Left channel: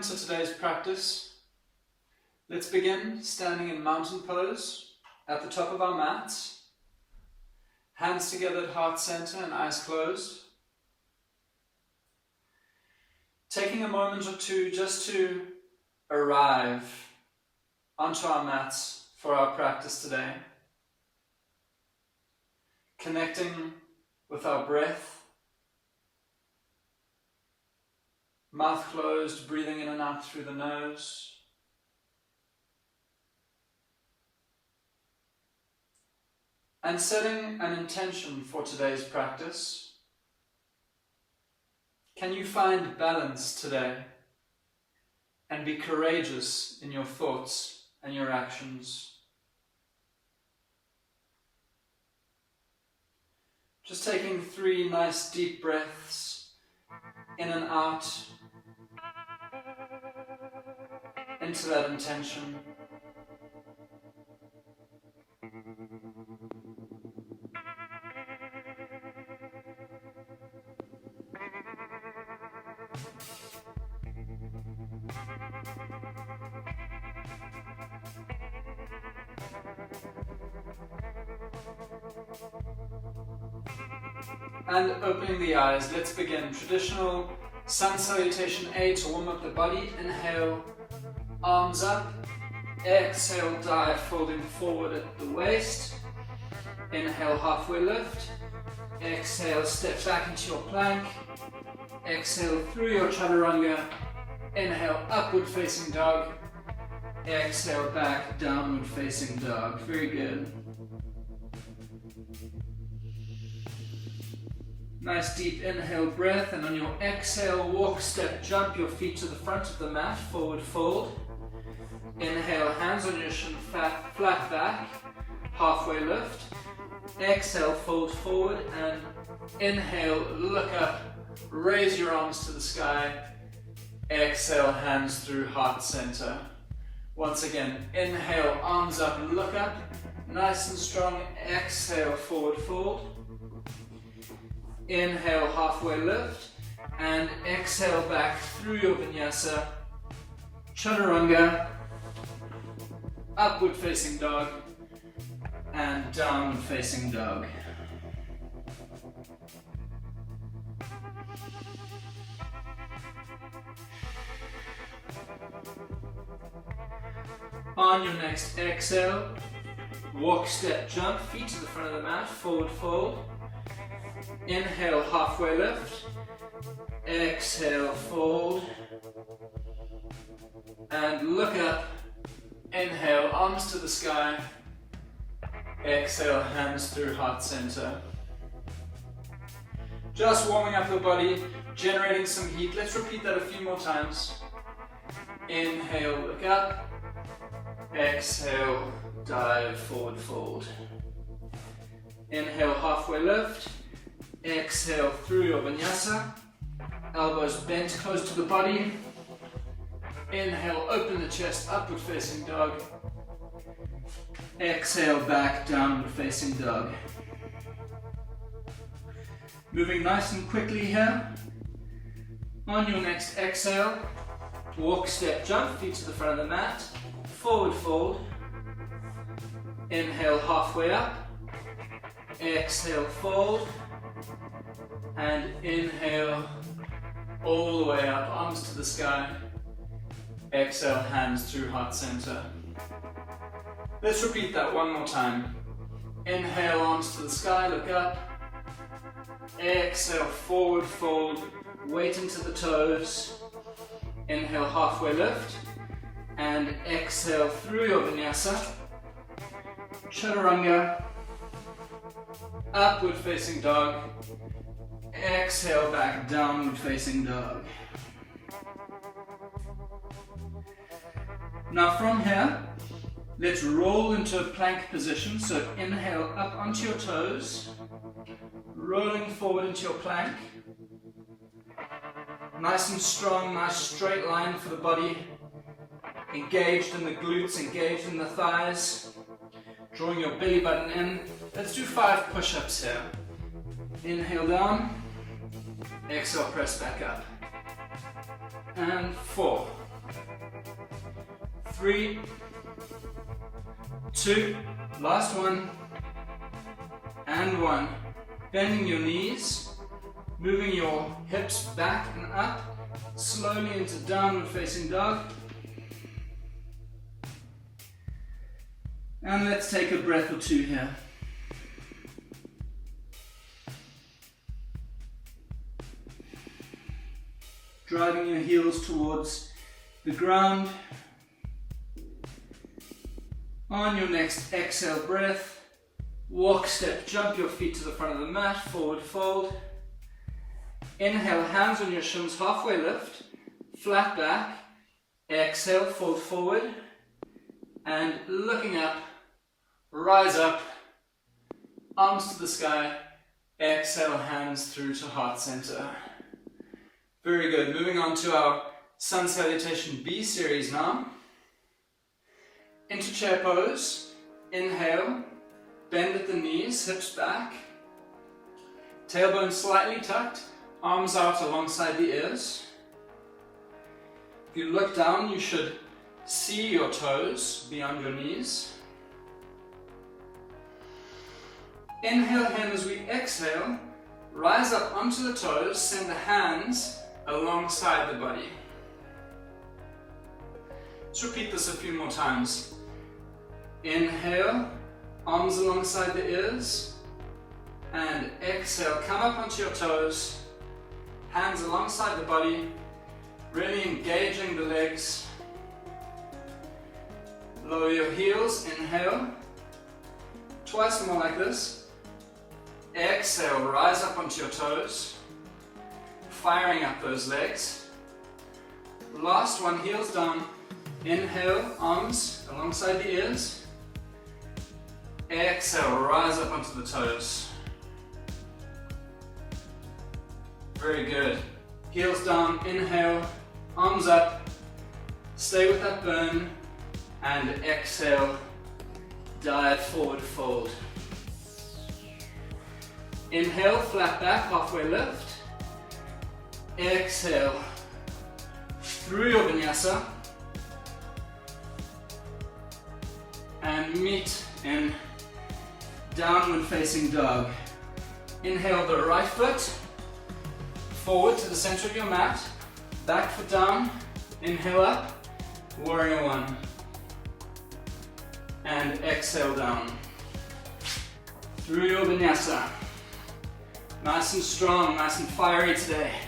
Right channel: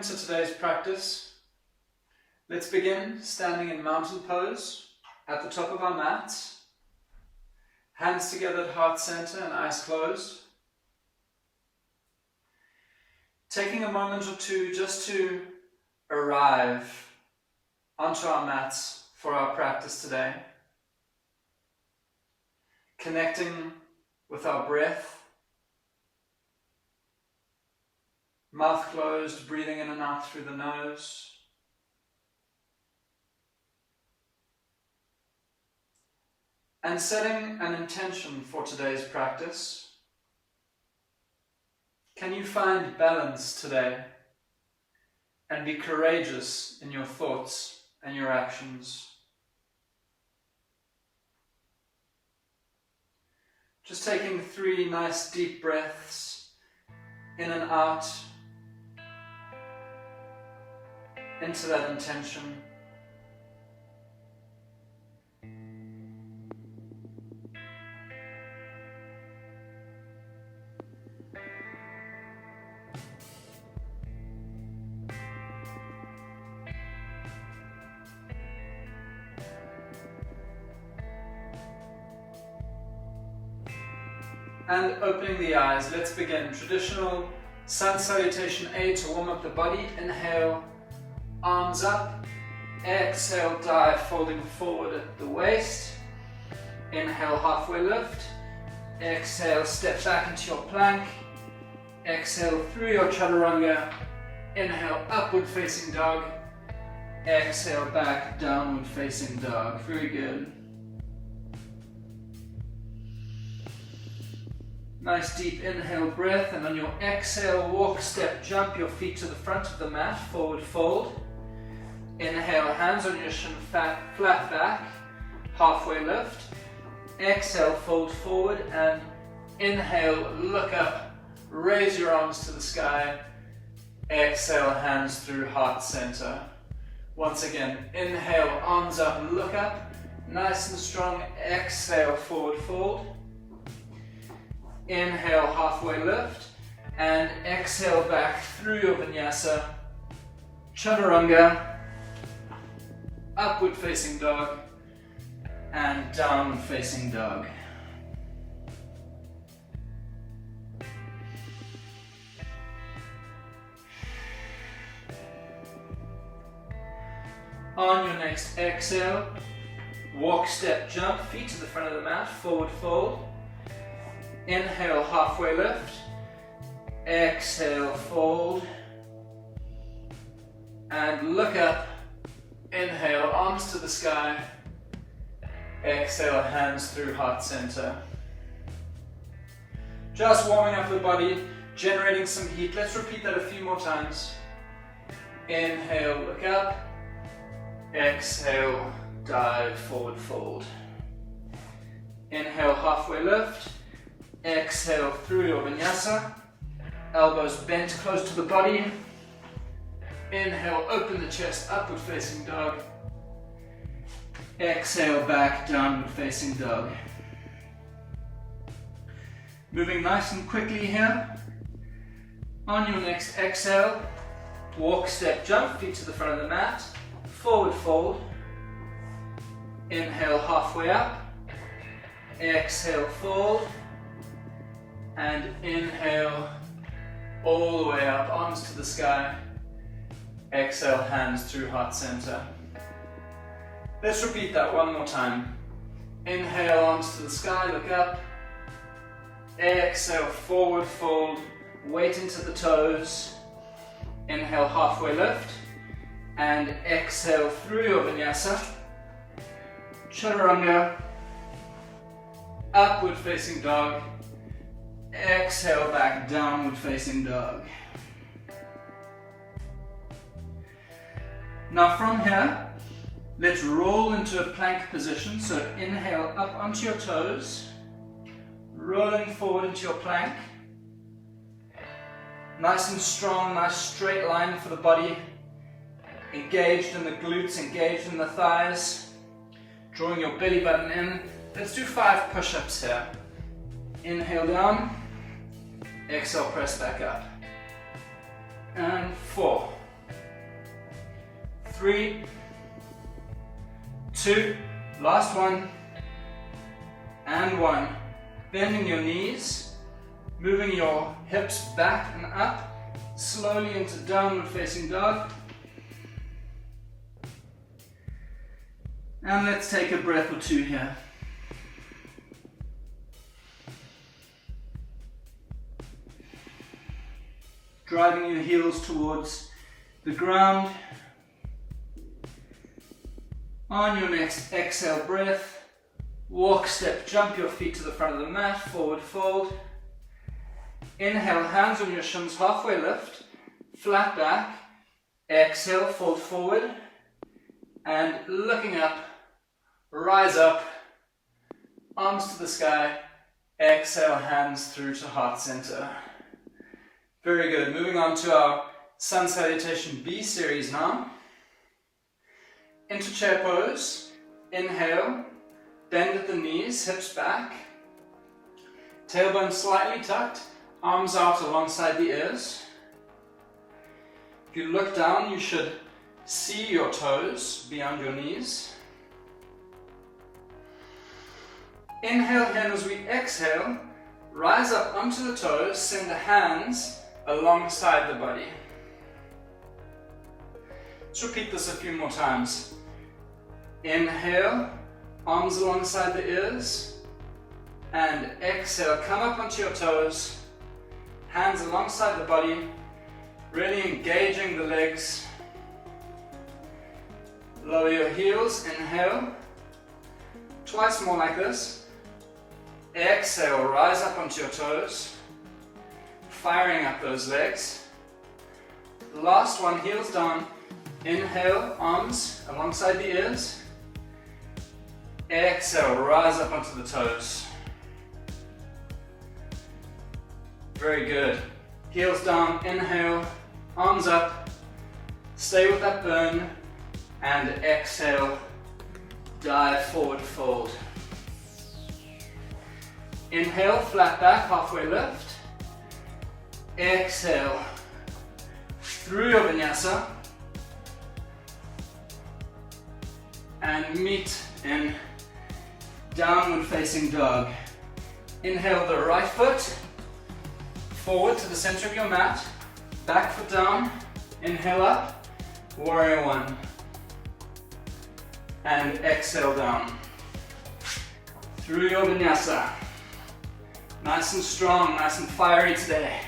Welcome to today's practice. Let's begin standing in mountain pose at the top of our mats. Hands together at heart center and eyes closed. Taking a moment or two just to arrive onto our mats for our practice today. Connecting with our breath. Mouth closed, breathing in and out through the nose. And setting an intention for today's practice. Can you find balance today and be courageous in your thoughts and your actions? Just taking 3 nice deep breaths in and out into that intention. And opening the eyes, let's begin. Traditional sun salutation A to warm up the body. Inhale, arms up. Exhale, dive, folding forward at the waist. Inhale, halfway lift. Exhale, step back into your plank. Exhale through your chaturanga. Inhale, upward facing dog. Exhale, back, downward facing dog. Very good. Nice deep inhale breath, and on your exhale, walk, step, jump your feet to the front of the mat, forward fold. Inhale, hands on your shin, flat back, halfway lift. Exhale, fold forward, and inhale, look up, raise your arms to the sky. Exhale, hands through heart center. Once again, inhale, arms up, look up, nice and strong. Exhale, forward fold. Inhale, halfway lift, and exhale back through your vinyasa, chaturanga, upward facing dog, and downward facing dog. On your next exhale, walk, step, jump, feet to the front of the mat, forward fold. Inhale, halfway lift. Exhale, fold. And look up. Inhale, arms to the sky. Exhale, hands through heart center. Just warming up the body, generating some heat. Let's repeat that a few more times. Inhale, look up. Exhale, dive, forward fold. Inhale, halfway lift. Exhale through your vinyasa, elbows bent close to the body. Inhale, open the chest, upward facing dog. Exhale, back, downward facing dog. Moving nice and quickly here. On your next exhale, walk, step, jump, feet to the front of the mat, forward fold. Inhale, halfway up. Exhale, fold. And inhale, all the way up, arms to the sky. Exhale, hands through heart center. Let's repeat that one more time. Inhale, arms to the sky, look up. Exhale, forward fold, weight into the toes. Inhale, halfway lift. And exhale through your vinyasa. Chaturanga. Upward facing dog. Exhale back, downward facing dog. Now from here, let's roll into a plank position. So inhale up onto your toes, rolling forward into your plank. Nice and strong, nice straight line for the body. Engaged in the glutes, engaged in the thighs. Drawing your belly button in. Let's do 5 push-ups here. Inhale down. Exhale, press back up. And 4, 3, 2, last one, and 1. Bending your knees, moving your hips back and up, slowly into downward facing dog. And let's take a breath or two here. Driving your heels towards the ground. On your next exhale breath, walk, step, jump your feet to the front of the mat, forward fold. Inhale, hands on your shins, halfway lift, flat back. Exhale, fold forward. And looking up, rise up, arms to the sky. Exhale, hands through to heart center. Very good. Moving on to our Sun Salutation B series now. Into chair pose. Inhale, bend at the knees, hips back. Tailbone slightly tucked, arms out alongside the ears. If you look down, you should see your toes beyond your knees. Inhale here, as we exhale, rise up onto the toes, send the hands alongside the body. Let's repeat this a few more times. Inhale, arms alongside the ears, and exhale, come up onto your toes, hands alongside the body, really engaging the legs. Lower your heels, inhale, twice more like this. Exhale, rise up onto your toes, firing up those legs. Last one, heels down. Inhale, arms alongside the ears. Exhale, rise up onto the toes. Very good. Heels down, inhale, arms up, stay with that burn, and exhale, dive forward fold. Inhale, flat back, halfway lift. Exhale, through your vinyasa, and meet in downward facing dog. Inhale the right foot forward to the center of your mat, back foot down, inhale up, warrior one, and exhale down. Through your vinyasa. Nice and strong, nice and fiery today.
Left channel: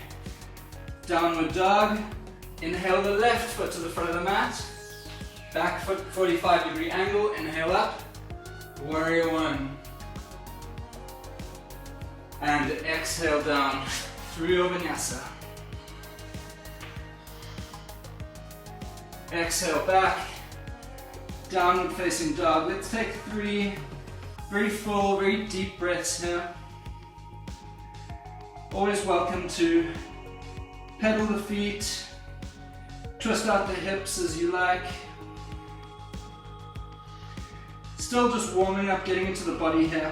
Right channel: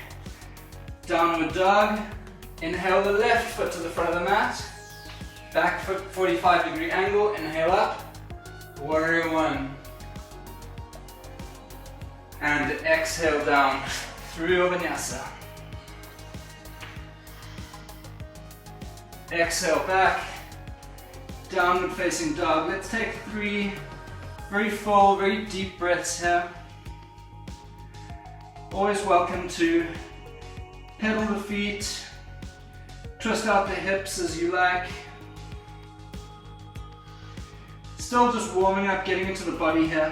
Downward dog, inhale the left foot to the front of the mat, back foot 45-degree angle, inhale up, warrior one. And exhale down through your vinyasa. Exhale back, downward facing dog. Let's take 3 very full, very deep breaths here. Always welcome to pedal the feet, twist out the hips as you like. Still just warming up, getting into the body here.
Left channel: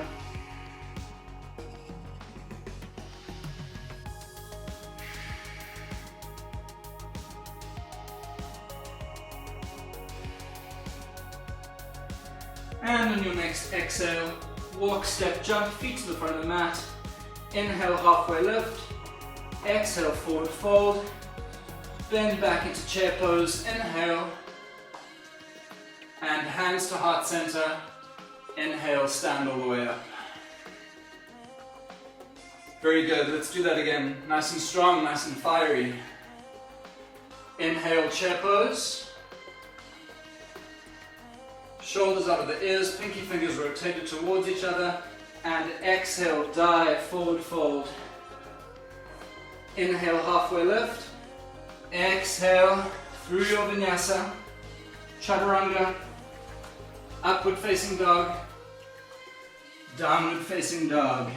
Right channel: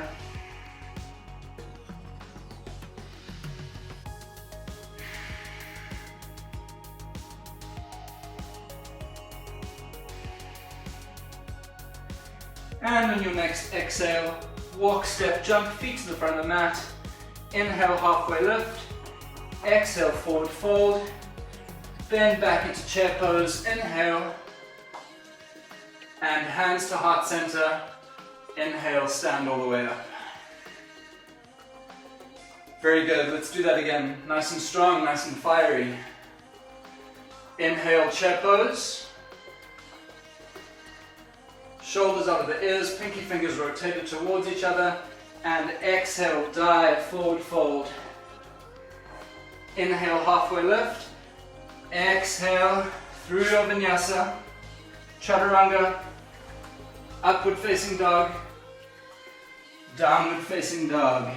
And on your next exhale, walk, step, jump, feet to the front of the mat. Inhale, halfway lift. Exhale, forward fold. Bend back into chair pose. Inhale. And hands to heart center. Inhale, stand all the way up. Very good. Let's do that again. Nice and strong, nice and fiery. Inhale, chair pose. Shoulders out of the ears, pinky fingers rotated towards each other, and exhale, dive, forward fold. Inhale, halfway lift. Exhale, through your vinyasa, chaturanga, upward facing dog, downward facing dog.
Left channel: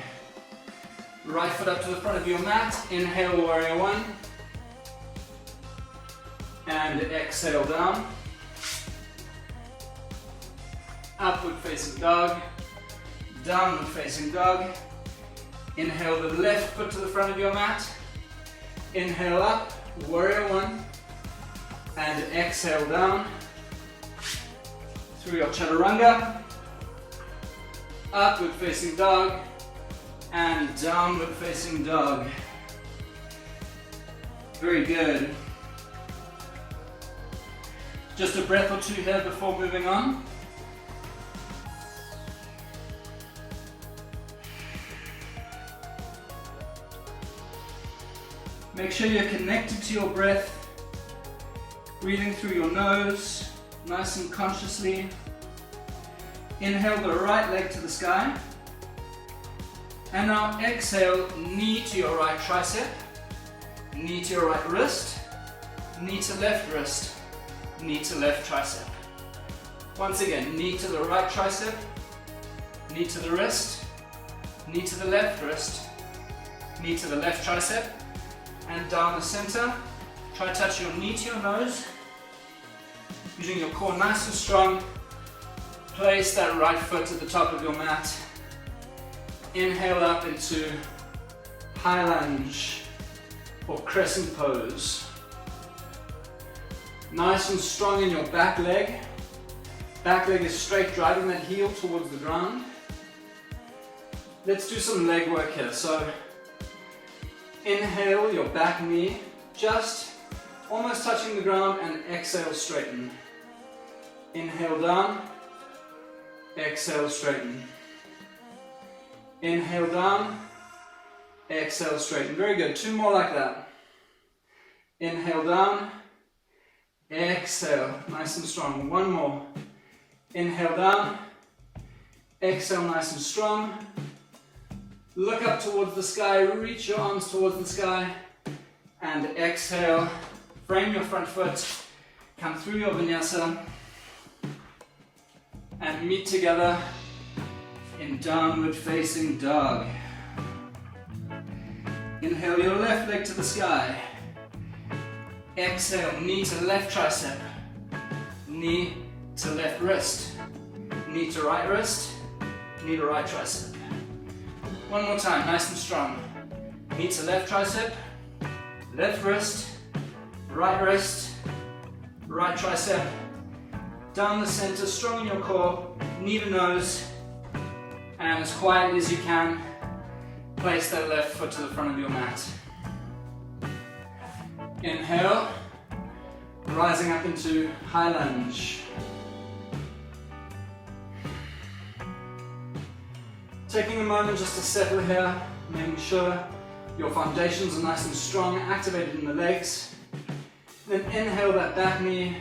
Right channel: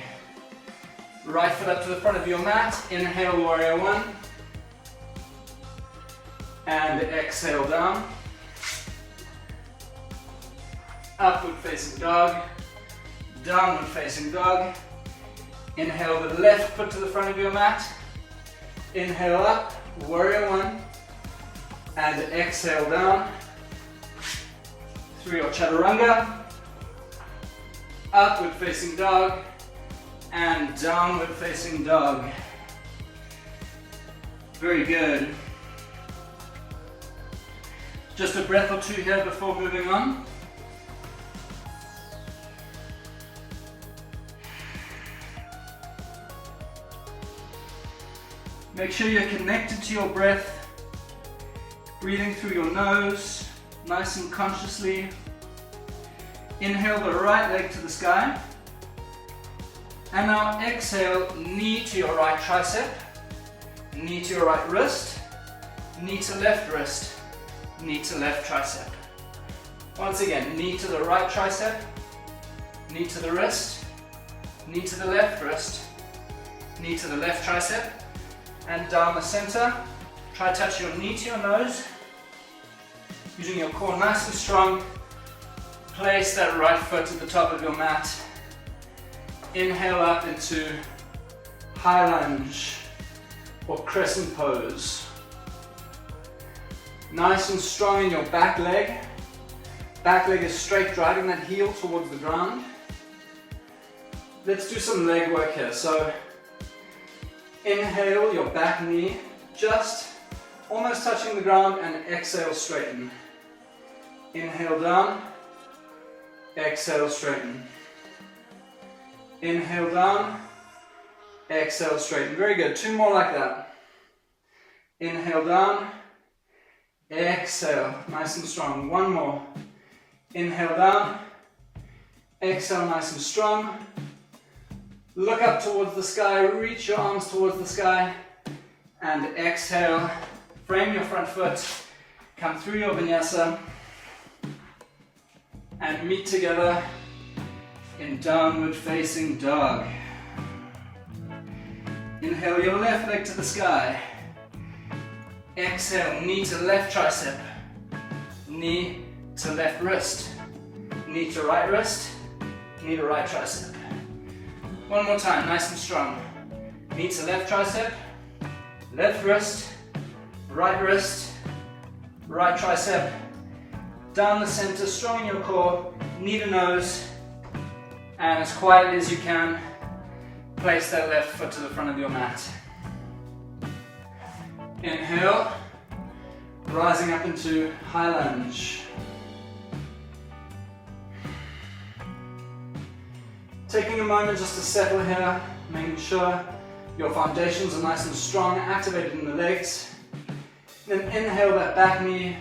Right foot up to the front of your mat, inhale, warrior one, and exhale down. Upward facing dog, downward facing dog. Inhale the left foot to the front of your mat. Inhale up, warrior one, and exhale down. through your chaturanga, upward facing dog, and downward facing dog. Very good. Just a breath or two here before moving on. Make sure you're connected to your breath, breathing through your nose, nice and consciously. Inhale the right leg to the sky. And now exhale, knee to your right tricep, knee to your right wrist, knee to left wrist, knee to left tricep. Once again, knee to the right tricep, knee to the wrist, knee to the left wrist, knee to the left tricep, and down the center. Try to touch your knee to your nose, using your core nice and strong. Place that right foot at the top of your mat. Inhale up into high lunge or crescent pose. Nice and strong in your back leg. Back leg is straight, driving that heel towards the ground. Let's do some leg work here. So inhale your back knee, just almost touching the ground, and exhale, straighten. Inhale down, exhale, straighten. Inhale down, exhale, straighten. Very good. Two more like that. Inhale down, exhale, nice and strong. One more. Inhale down, exhale, nice and strong. Look up towards the sky, reach your arms towards the sky, and exhale. Frame your front foot, come through your vinyasa, and meet together in downward facing dog. Inhale your left leg to the sky. Exhale, knee to left tricep, knee to left wrist, knee to right wrist, knee to right tricep. One more time, nice and strong. Knee to left tricep, left wrist, right tricep, down the center, strong in your core, knee to nose, and as quietly as you can, place that left foot to the front of your mat. Inhale, rising up into high lunge. Taking a moment just to settle here, making sure your foundations are nice and strong, activated in the legs. Then inhale that back knee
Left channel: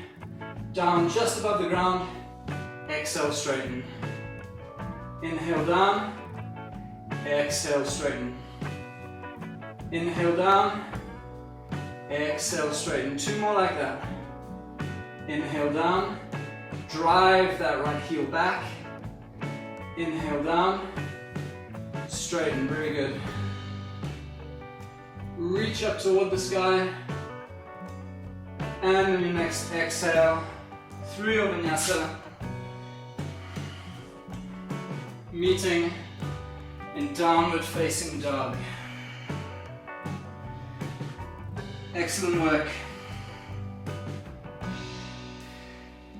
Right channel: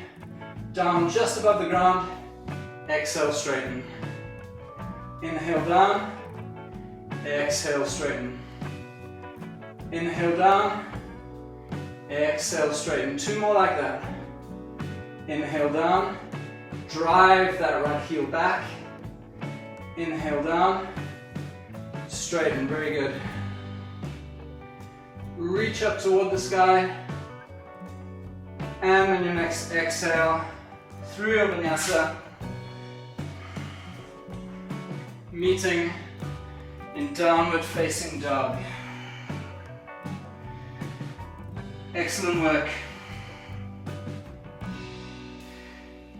down just above the ground. Exhale, straighten. Inhale down, exhale, straighten. Inhale down, exhale, straighten. Two more like that. Inhale down, drive that right heel back. Inhale down, straighten, very good. Reach up toward the sky. And on your next exhale, through your vinyasa, meeting in downward facing dog. Excellent work.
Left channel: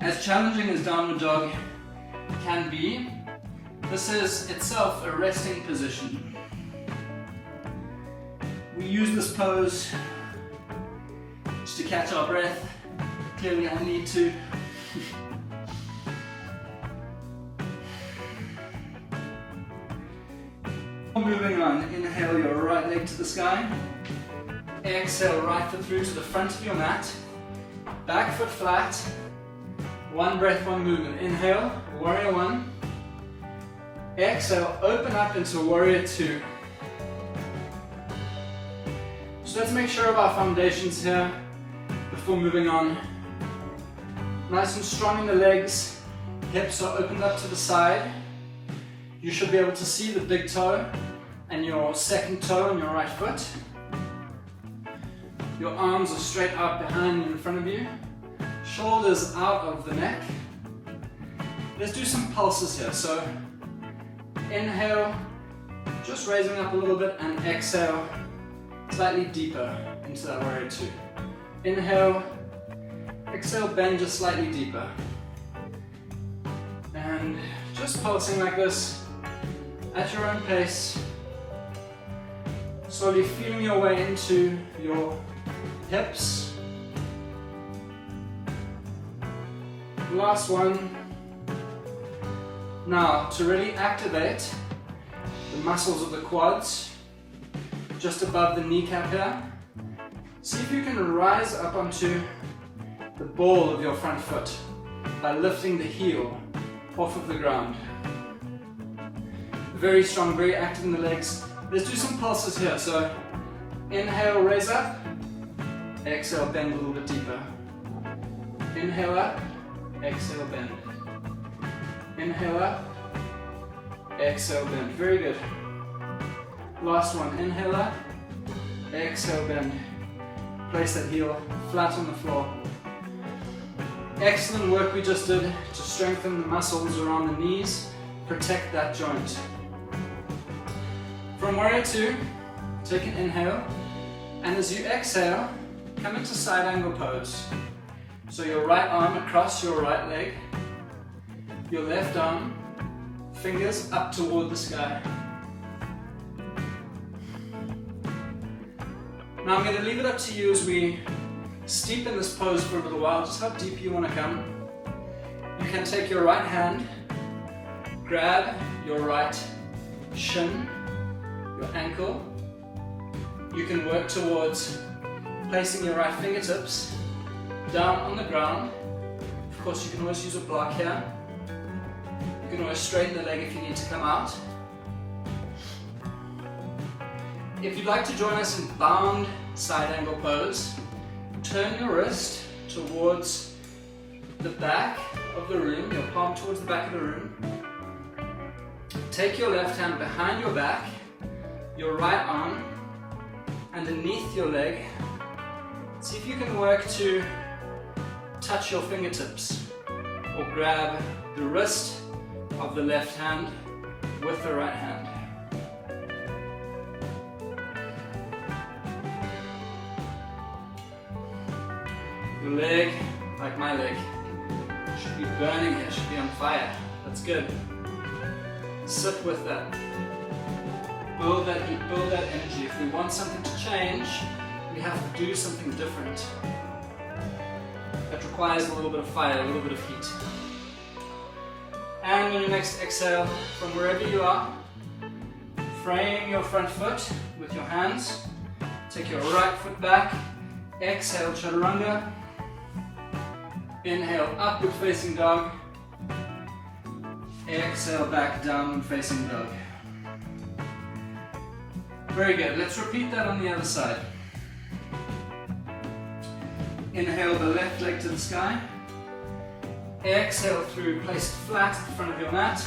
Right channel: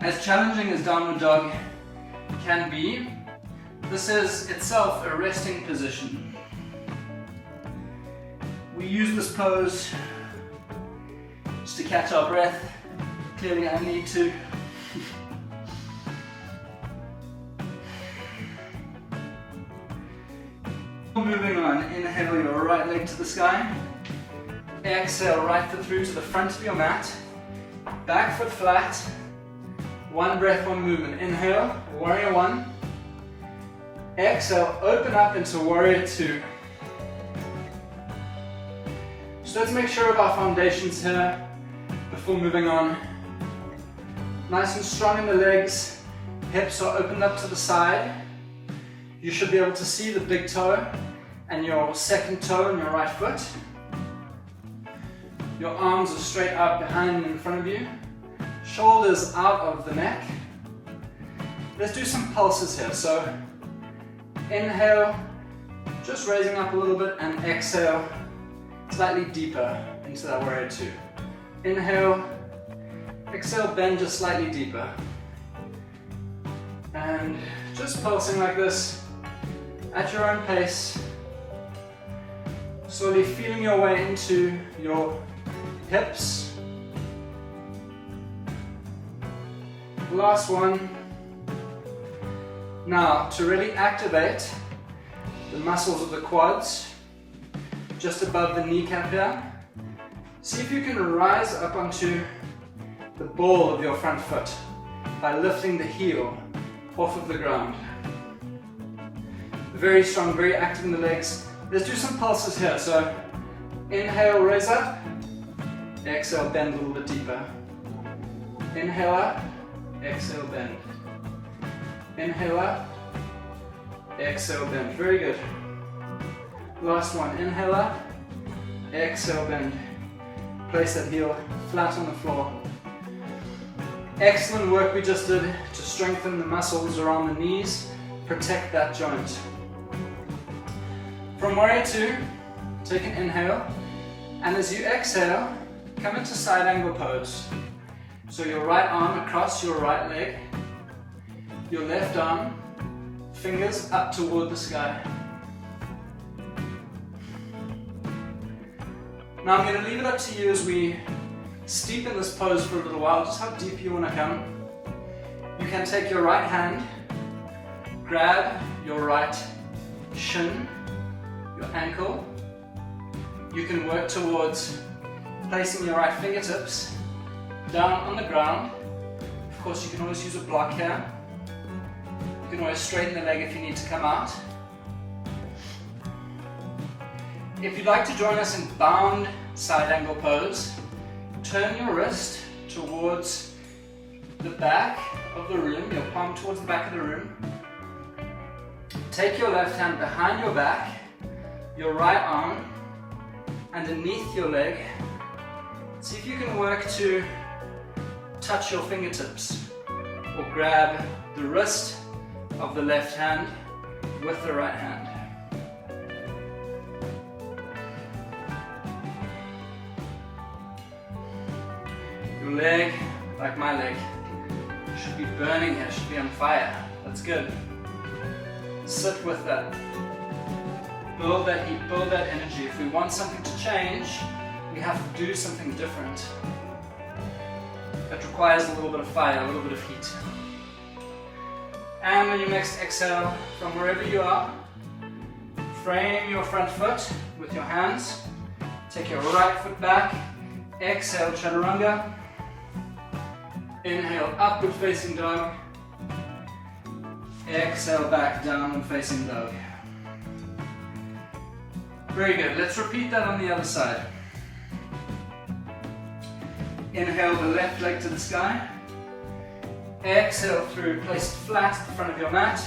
As challenging as downward dog can be, this is itself a resting position. We use this pose just to catch our breath. Clearly I need to. Moving on, inhale your right leg to the sky. Exhale, right foot through to the front of your mat. Back foot flat. One breath, one movement. Inhale, warrior one. Exhale, open up into warrior two. So let's make sure of our foundations here before moving on. Nice and strong in the legs. Hips are opened up to the side. You should be able to see the big toe and your second toe on your right foot. Your arms are straight out behind you, in front of you. Shoulders out of the neck. Let's do some pulses here. So inhale, just raising up a little bit, and exhale, slightly deeper into that warrior two. Inhale, exhale, bend just slightly deeper. And just pulsing like this at your own pace. Slowly feeling your way into your hips. Last one. Now, to really activate the muscles of the quads, just above the kneecap here, see if you can rise up onto the ball of your front foot by lifting the heel off of the ground. Very strong, very active in the legs. Let's do some pulses here. So inhale, raise up. Exhale, bend a little bit deeper. Inhale up. Exhale, bend. Inhale up. Exhale, bend. Very good. Last one. Inhale up. Exhale, bend. Place that heel flat on the floor. Excellent work we just did to strengthen the muscles around the knees, protect that joint. From warrior two, take an inhale, and as you exhale, come into side angle pose. So your right arm across your right leg, your left arm, fingers up toward the sky. Now I'm going to leave it up to you as we steep in this pose for a little while, just how deep you want to come. You can take your right hand, grab your right shin, your ankle. You can work towards placing your right fingertips down on the ground. Of course, you can always use a block here. You can always straighten the leg if you need to come out. If you'd like to join us in bound side angle pose, turn your wrist towards the back of the room, your palm towards the back of the room. Take your left hand behind your back, your right arm underneath your leg. See if you can work to touch your fingertips or grab the wrist of the left hand with the right hand. Your leg, like my leg, should be burning here, should be on fire. That's good. Sit with that. Build that heat, build that energy. If we want something to change, we have to do something different. That requires a little bit of fire, a little bit of heat. And on your next exhale, from wherever you are, frame your front foot with your hands. Take your right foot back. Exhale, chaturanga. Inhale, upward facing dog. Exhale, back downward facing dog. Very good. Let's repeat that on the other side. Inhale the left leg to the sky. Exhale through, place it flat at the front of your mat.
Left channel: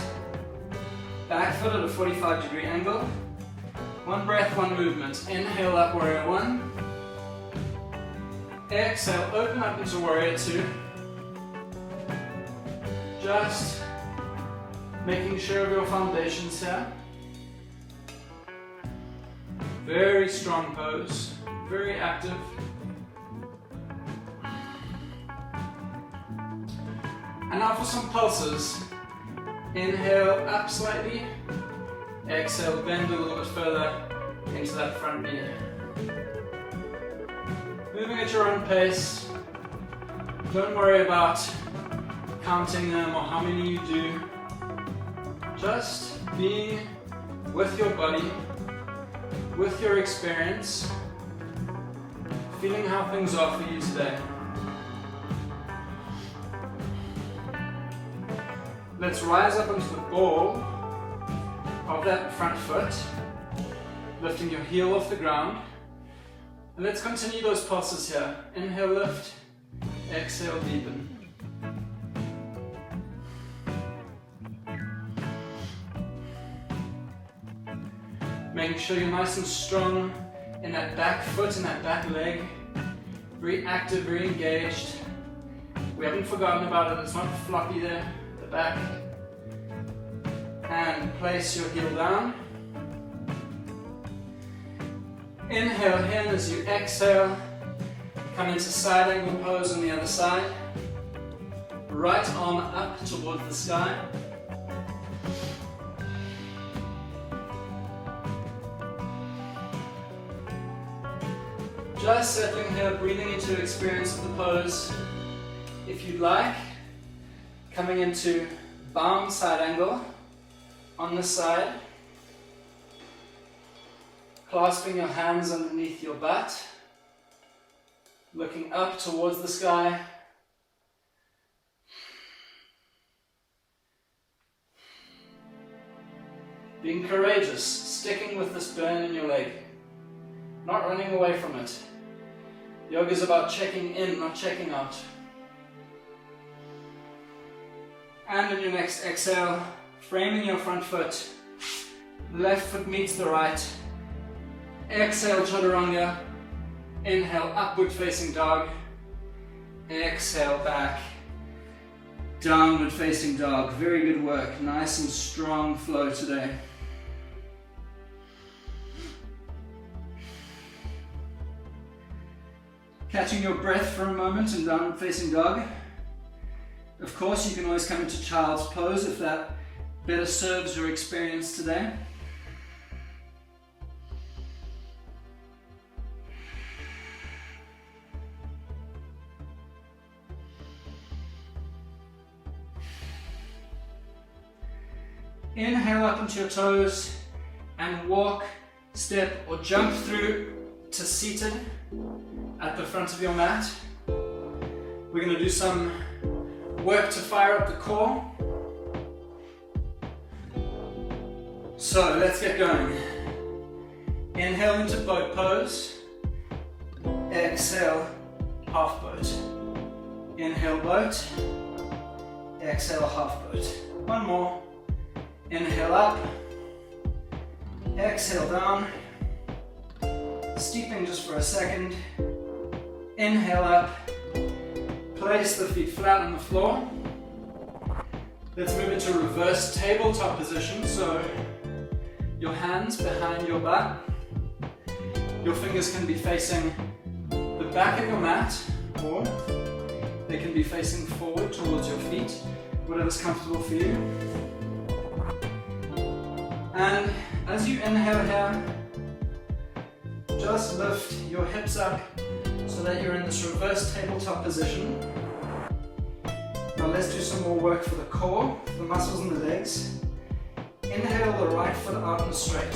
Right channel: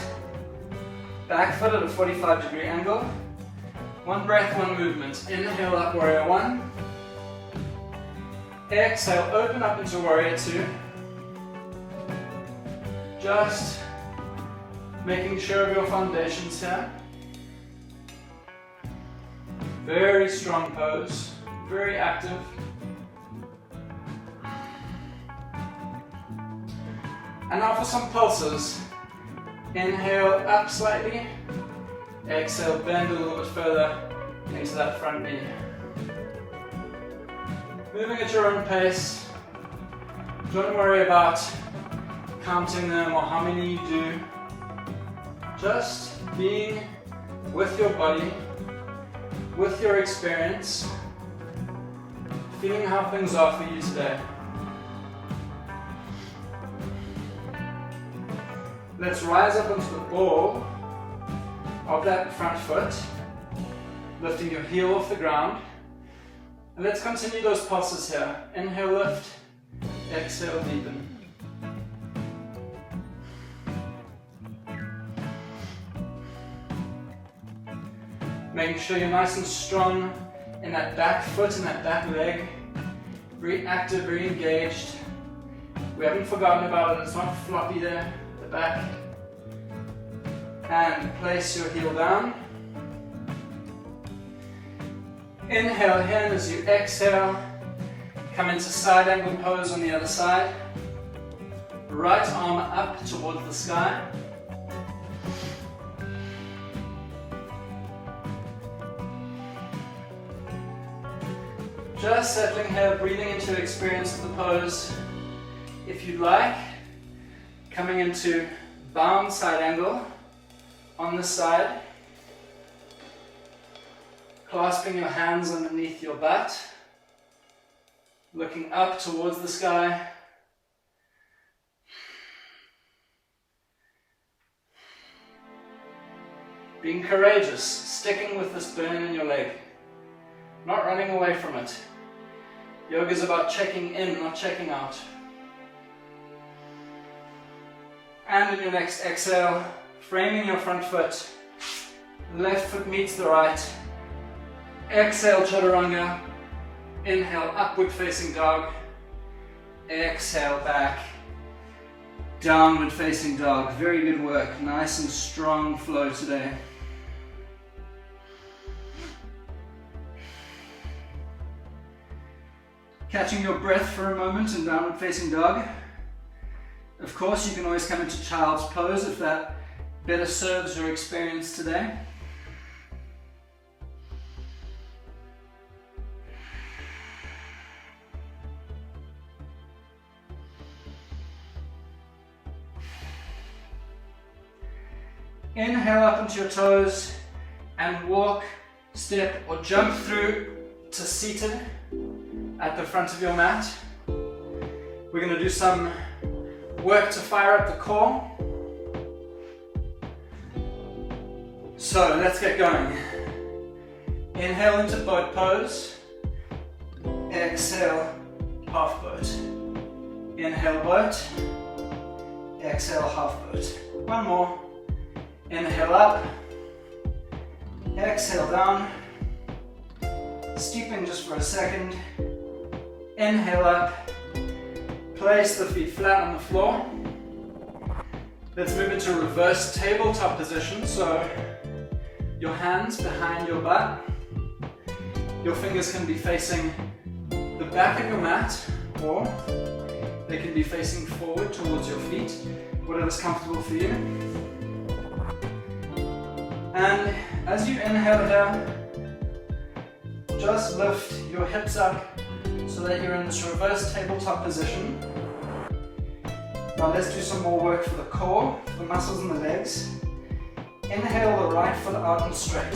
Back foot at a 45-degree angle. One breath, one movement. Inhale up, warrior one. Exhale, open up into warrior two. Just making sure of your foundations here. Very strong pose, very active. And now for some pulses. Inhale up slightly. Exhale, bend a little bit further into that front knee. Moving at your own pace. Don't worry about counting them or how many you do. Just be with your body, with your experience, feeling how things are for you today. Let's rise up onto the ball of that front foot, lifting your heel off the ground. And let's continue those pulses here. Inhale, lift. Exhale, deepen. Making sure you're nice and strong in that back foot and that back leg. Very active, very engaged. We haven't forgotten about it, it's not floppy there at the back. And place your heel down. Inhale in as you exhale. Come into side angle pose on the other side. Right arm up towards the sky. Just settling here, breathing into your experience of the pose. If you'd like, coming into bound side angle on this side, clasping your hands underneath your butt, looking up towards the sky. Being courageous, sticking with this burn in your leg, not running away from it. Yoga is about checking in, not checking out. And in your next exhale, framing your front foot, left foot meets the right. Exhale, chaturanga. Inhale, upward facing dog. Exhale, back. Downward facing dog. Very good work. Nice and strong flow today. Catching your breath for a moment in downward facing dog. Of course, you can always come into child's pose if that better serves your experience today. Inhale up into your toes and walk, step or jump through to seated at the front of your mat. We're going to do some work to fire up the core. So let's get going. Inhale into boat pose. Exhale, half boat. Inhale, boat. Exhale, half boat. One more. Inhale up. Exhale down. Steeping just for a second. Inhale up. Place the feet flat on the floor. Let's move into reverse tabletop position. So your hands behind your butt. Your fingers can be facing the back of your mat, or they can be facing forward towards your feet, whatever's comfortable for you. And as you inhale here, just lift your hips up so that you're in this reverse tabletop position. Now let's do some more work for the core, the muscles in the legs. Inhale the right foot out and straight.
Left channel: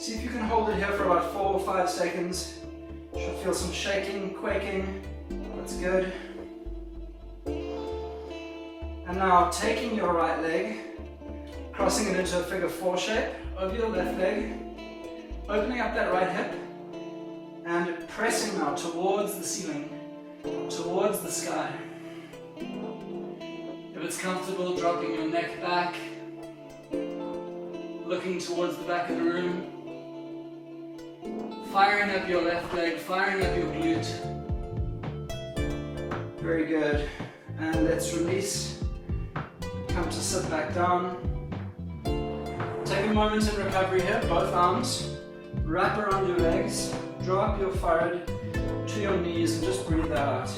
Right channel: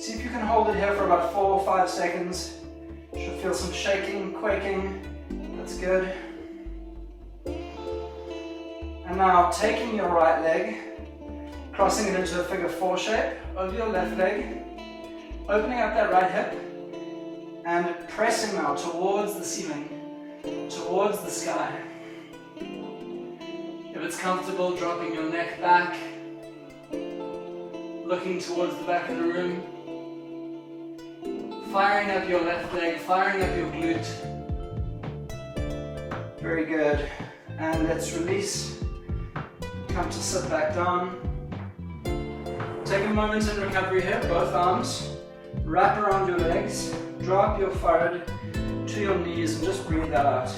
See if you can hold it here for about 4 or 5 seconds. Should feel some shaking, quaking. That's good. And now taking your right leg, crossing it into a figure 4 shape over your left leg, opening up that right hip, and pressing now towards the ceiling, towards the sky. If it's comfortable, dropping your neck back, looking towards the back of the room, firing up your left leg, firing up your glute. Very good. And let's release. Come to sit back down. Take a moment in recovery here, both arms. Wrap around your legs. Drop your forehead to your knees and just breathe out.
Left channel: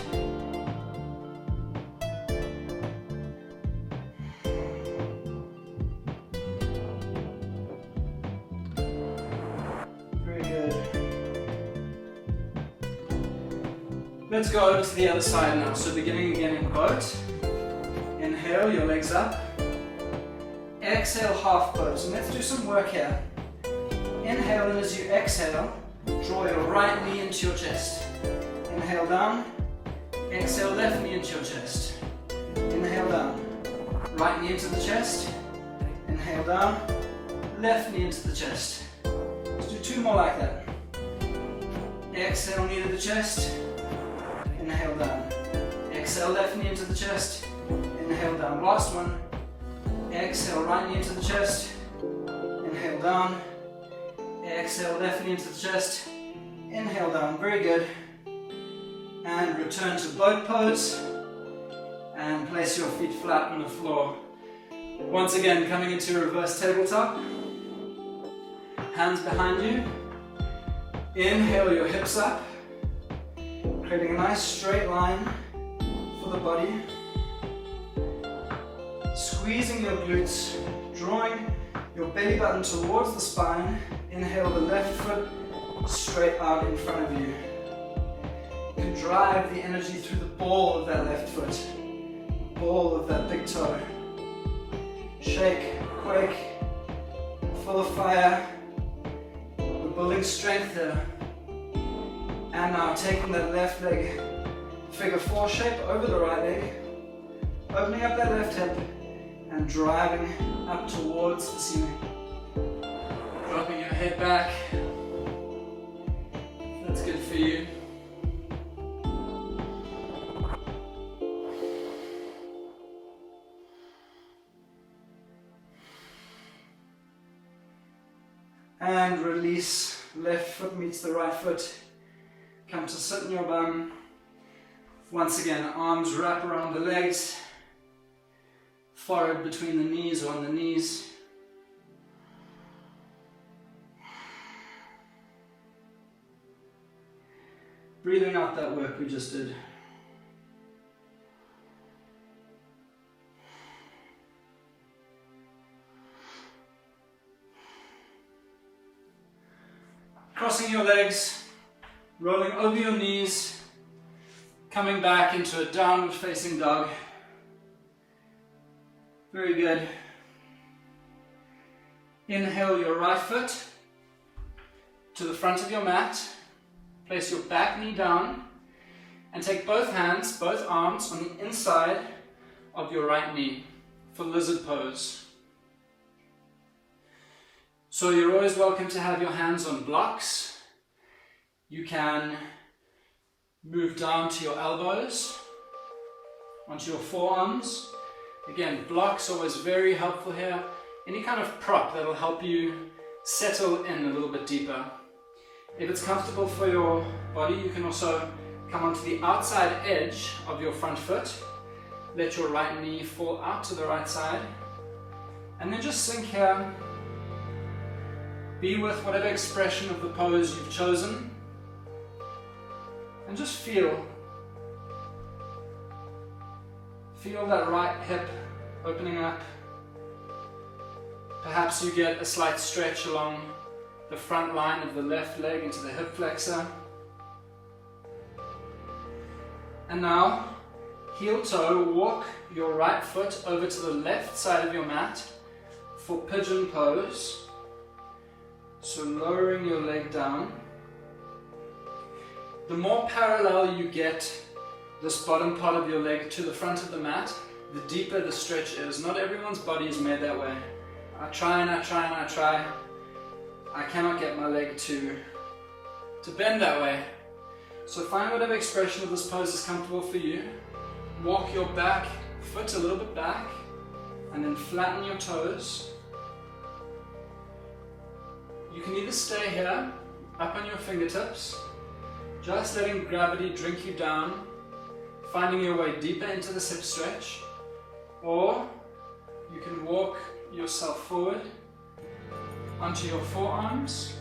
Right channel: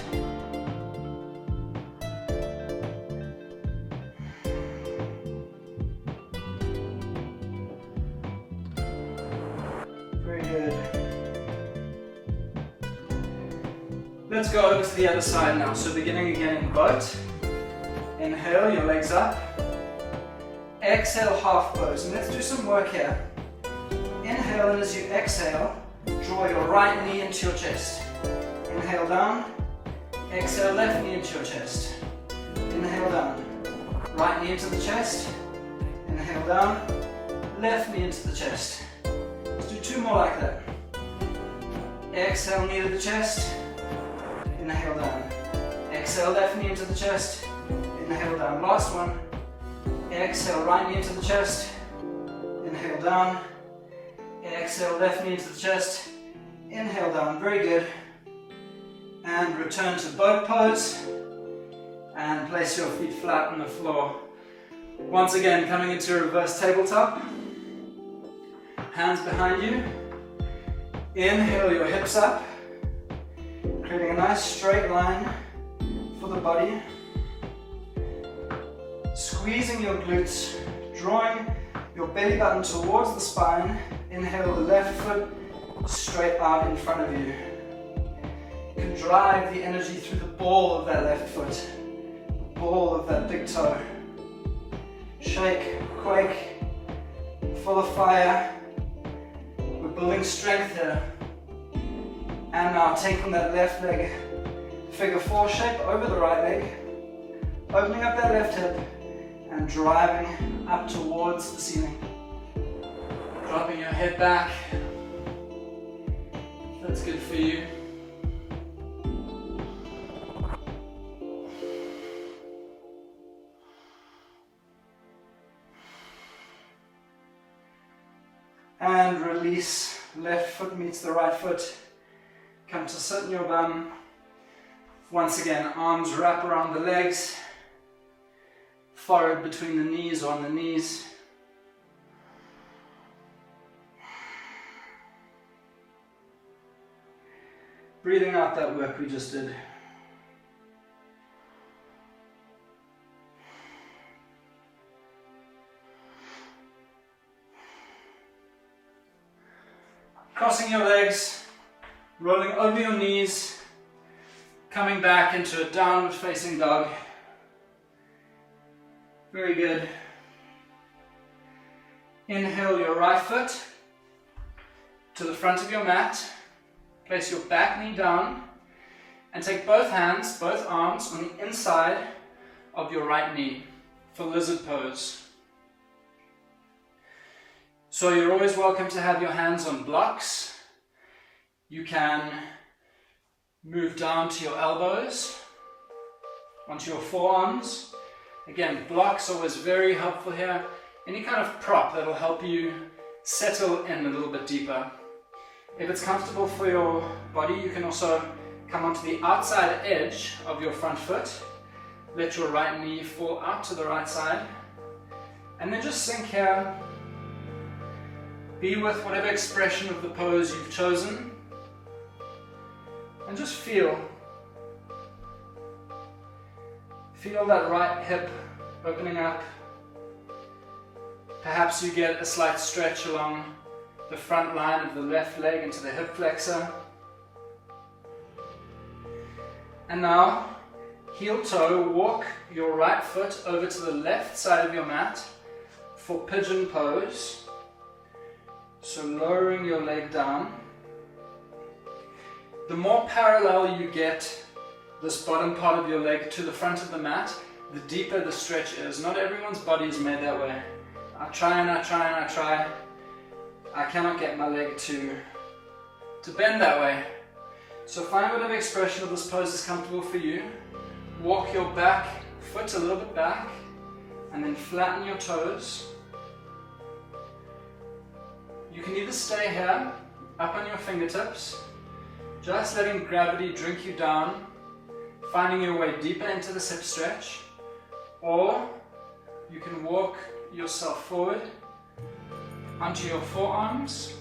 Very good. Let's go over to the other side now. So beginning again in boat. Inhale, your legs up. Exhale, half pose. And let's do some work here. Inhale, and as you exhale, draw your right knee into your chest. Inhale down. Exhale, left knee into your chest. Inhale down. Right knee into the chest. Inhale down. Left knee into the chest. Let's do 2 more like that. Exhale, knee to the chest. Inhale down. Exhale, left knee into the chest. Inhale down. Last one. Exhale, right knee into the chest. Inhale down. Exhale, left knee into the chest. Inhale down. Very good. And return to boat pose. And place your feet flat on the floor. Once again, coming into reverse tabletop. Hands behind you. Inhale your hips up. Creating a nice straight line for the body. Squeezing your glutes, drawing your belly button towards the spine. Inhale the left foot straight out in front of you. You can drive the energy through the ball of that left foot, the ball of that big toe. Shake, quake, full of fire. We're building strength here. And now taking that left leg, figure 4 shape over the right leg, opening up that left hip and driving up towards the ceiling. Dropping your head back. That's good for you. And release, left foot meets the right foot. Come to sit in your bum. Once again, arms wrap around the legs. Forehead between the knees or on the knees. Breathing out that work we just did. Crossing your legs, rolling over your knees, coming back into a downward facing dog. Very good. Inhale your right foot to the front of your mat. Place your back knee down and take both hands, both arms on the inside of your right knee for lizard pose. So you're always welcome to have your hands on blocks. You can move down to your elbows, onto your forearms. Again, blocks are always very helpful here. Any kind of prop that'll help you settle in a little bit deeper. If it's comfortable for your body, you can also come onto the outside edge of your front foot. Let your right knee fall out to the right side. And then just sink here. Be with whatever expression of the pose you've chosen. And just feel. Feel that right hip opening up. Perhaps you get a slight stretch along the front line of the left leg into the hip flexor. And now, heel toe, walk your right foot over to the left side of your mat for pigeon pose. So lowering your leg down. The more parallel you get this bottom part of your leg to the front of the mat, the deeper the stretch is. Not everyone's body is made that way. I try and I try and I try. I cannot get my leg to bend that way. So find whatever expression of this pose is comfortable for you. Walk your back foot a little bit back and then flatten your toes. You can either stay here, up on your fingertips, just letting gravity drink you down, finding your way deeper into this hip stretch, or you can walk yourself forward onto your forearms,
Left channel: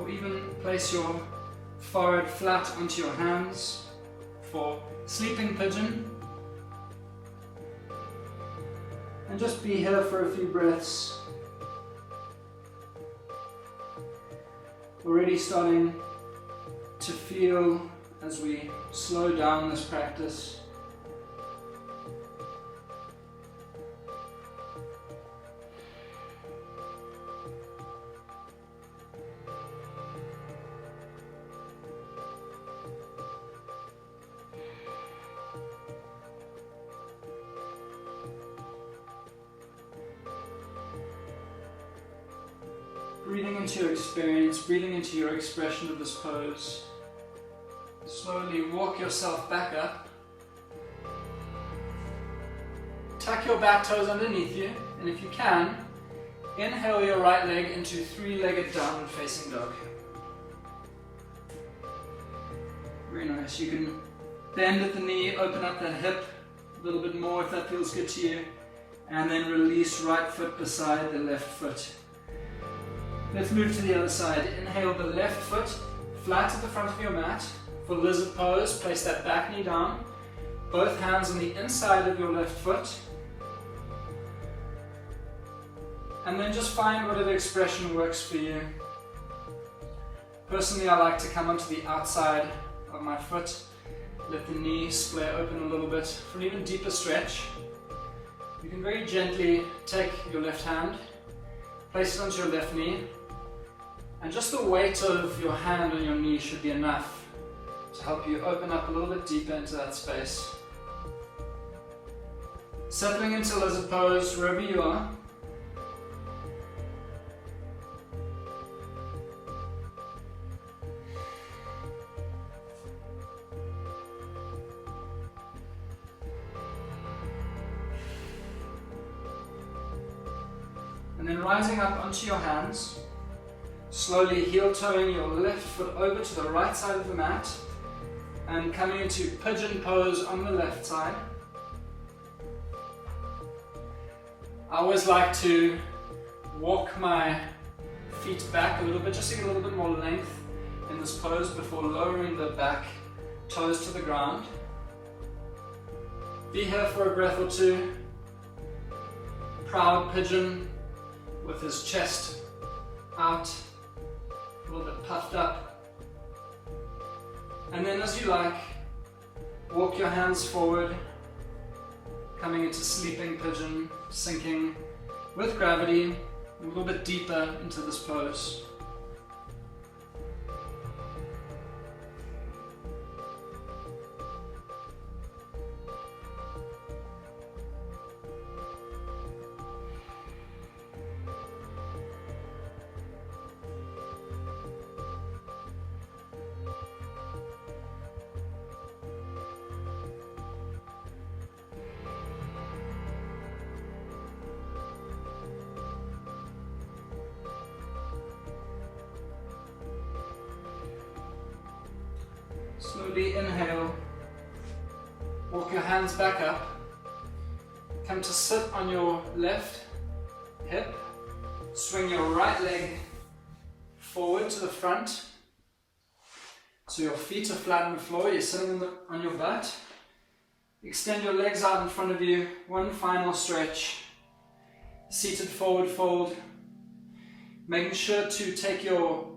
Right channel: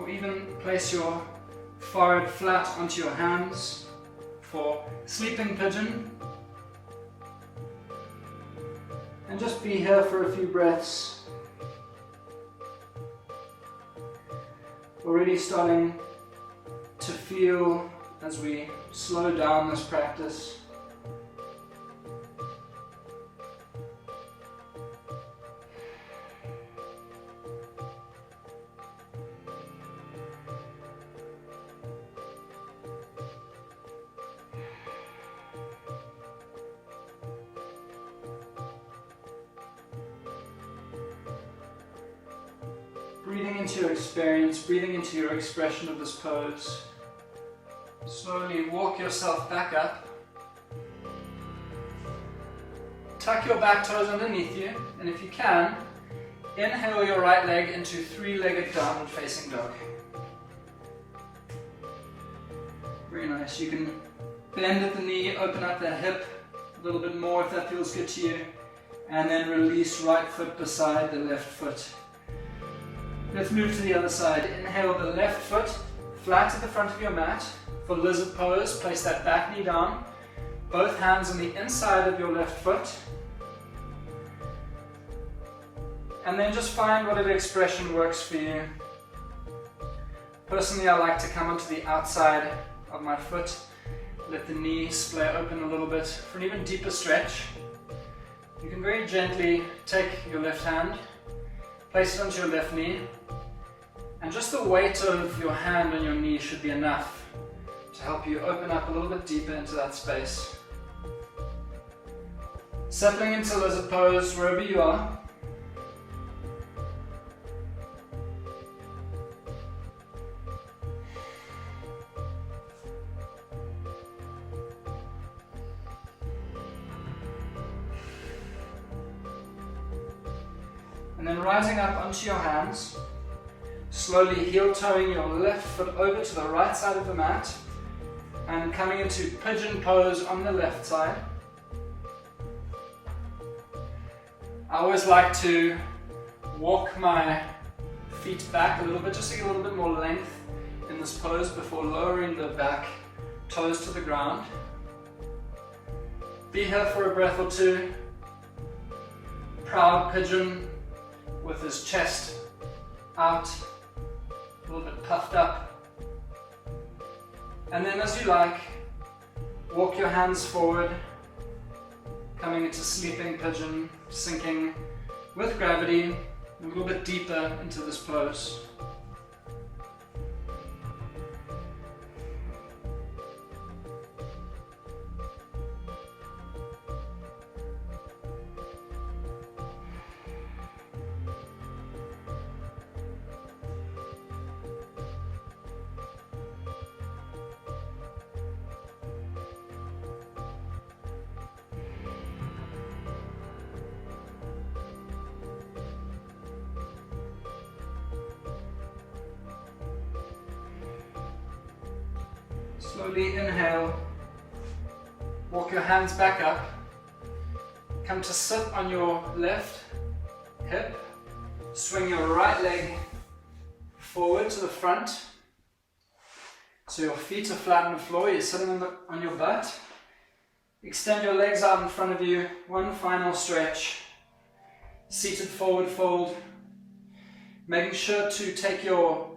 or even place your forehead flat onto your hands for sleeping pigeon. And just be here for a few breaths. Already starting to feel as we slow down this practice. Breathing into your experience, breathing into your expression of this pose. Slowly walk yourself back up. Tuck your back toes underneath you, and if you can, inhale your right leg into three-legged downward facing dog. Very nice. You can bend at the knee, open up that hip a little bit more if that feels good to you, and then release right foot beside the left foot. Let's move to the other side. Inhale the left foot flat at the front of your mat. For lizard pose, place that back knee down. Both hands on the inside of your left foot. And then just find whatever expression works for you. Personally, I like to come onto the outside of my foot, let the knee splay open a little bit for an even deeper stretch. You can very gently take your left hand, place it onto your left knee, and just the weight of your hand on your knee should be enough to help you open up a little bit deeper into that space. Settling into lizard pose wherever you are. And then rising up onto your hands, slowly heel-toeing your left foot over to the right side of the mat and coming into pigeon pose on the left side. I always like to walk my feet back a little bit, just to get a little bit more length in this pose before lowering the back toes to the ground. Be here for a breath or two. Proud pigeon with his chest out, a little bit puffed up. And then as you like, walk your hands forward, coming into sleeping pigeon, sinking with gravity a little bit deeper into this pose. Slowly inhale, walk your hands back up, come to sit on your left hip, swing your right leg forward to the front, so your feet are flat on the floor, you're sitting on your butt. Extend your legs out in front of you, one final stretch, seated forward fold, making sure to take your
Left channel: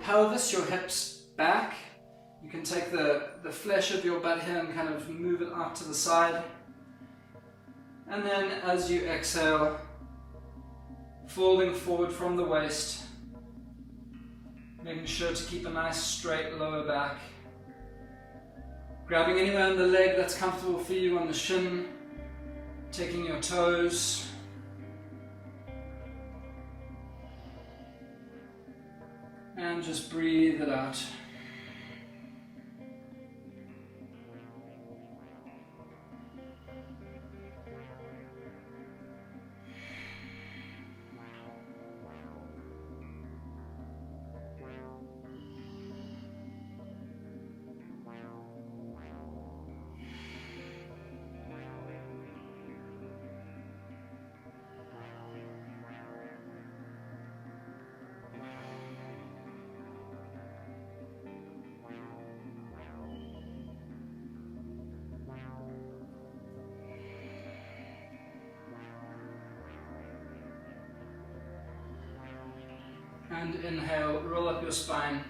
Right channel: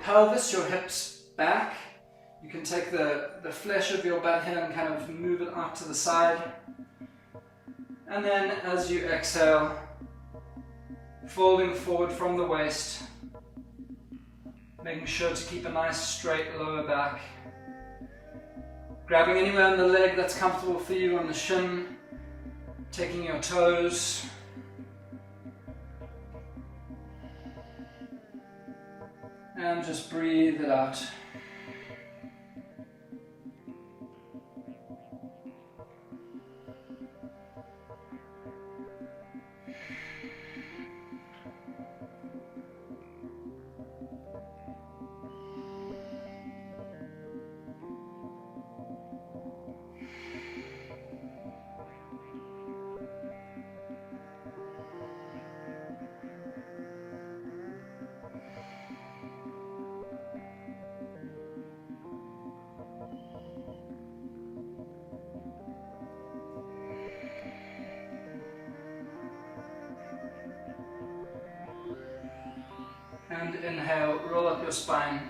pelvis, your hips back. You can take the flesh of your butt here and kind of move it out to the side. And then as you exhale, folding forward from the waist, making sure to keep a nice straight lower back. Grabbing anywhere in the leg that's comfortable for you on the shin, taking your toes. And just breathe it out. And inhale, roll up your spine.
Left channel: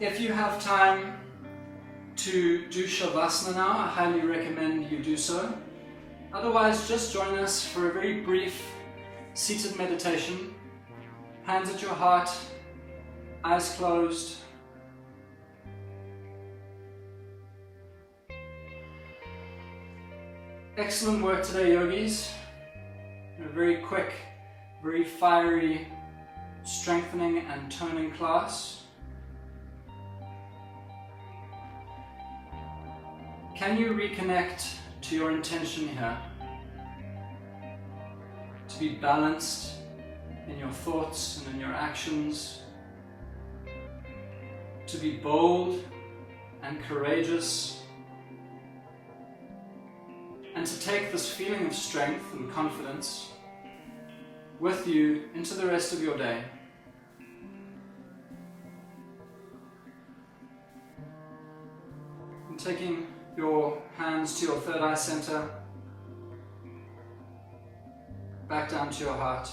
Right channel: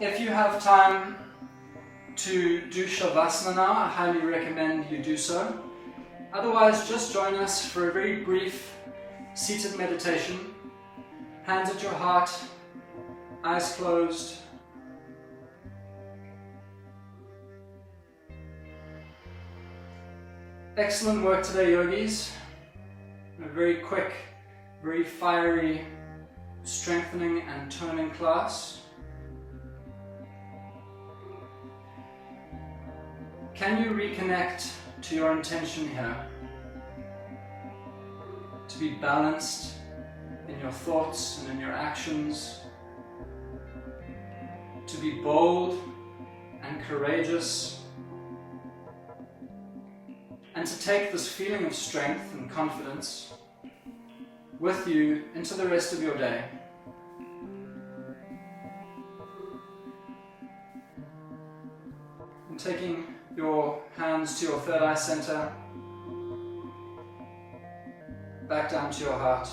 If you have time to do Shavasana now, I highly recommend you do so. Otherwise, just join us for a very brief seated meditation. Hands at your heart, eyes closed. Excellent work today, yogis. A very quick, very fiery strengthening and toning class. Can you reconnect to your intention here? To be balanced in your thoughts and in your actions. To be bold and courageous. And to take this feeling of strength and confidence with you into the rest of your day. And taking your hands to your third eye center, back down to your heart.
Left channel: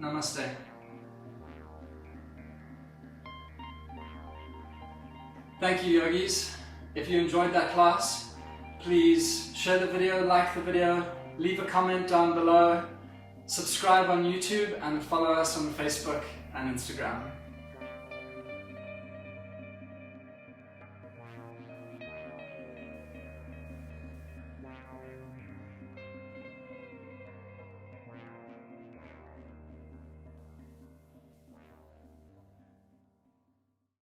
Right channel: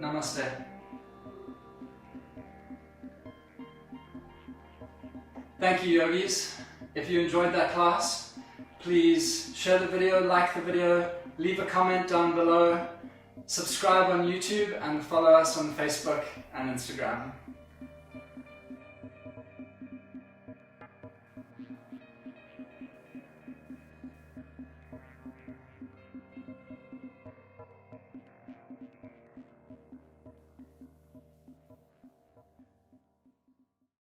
Namaste. Thank you, yogis. If you enjoyed that class, please share the video, like the video, leave a comment down below, subscribe on YouTube and follow us on Facebook and Instagram.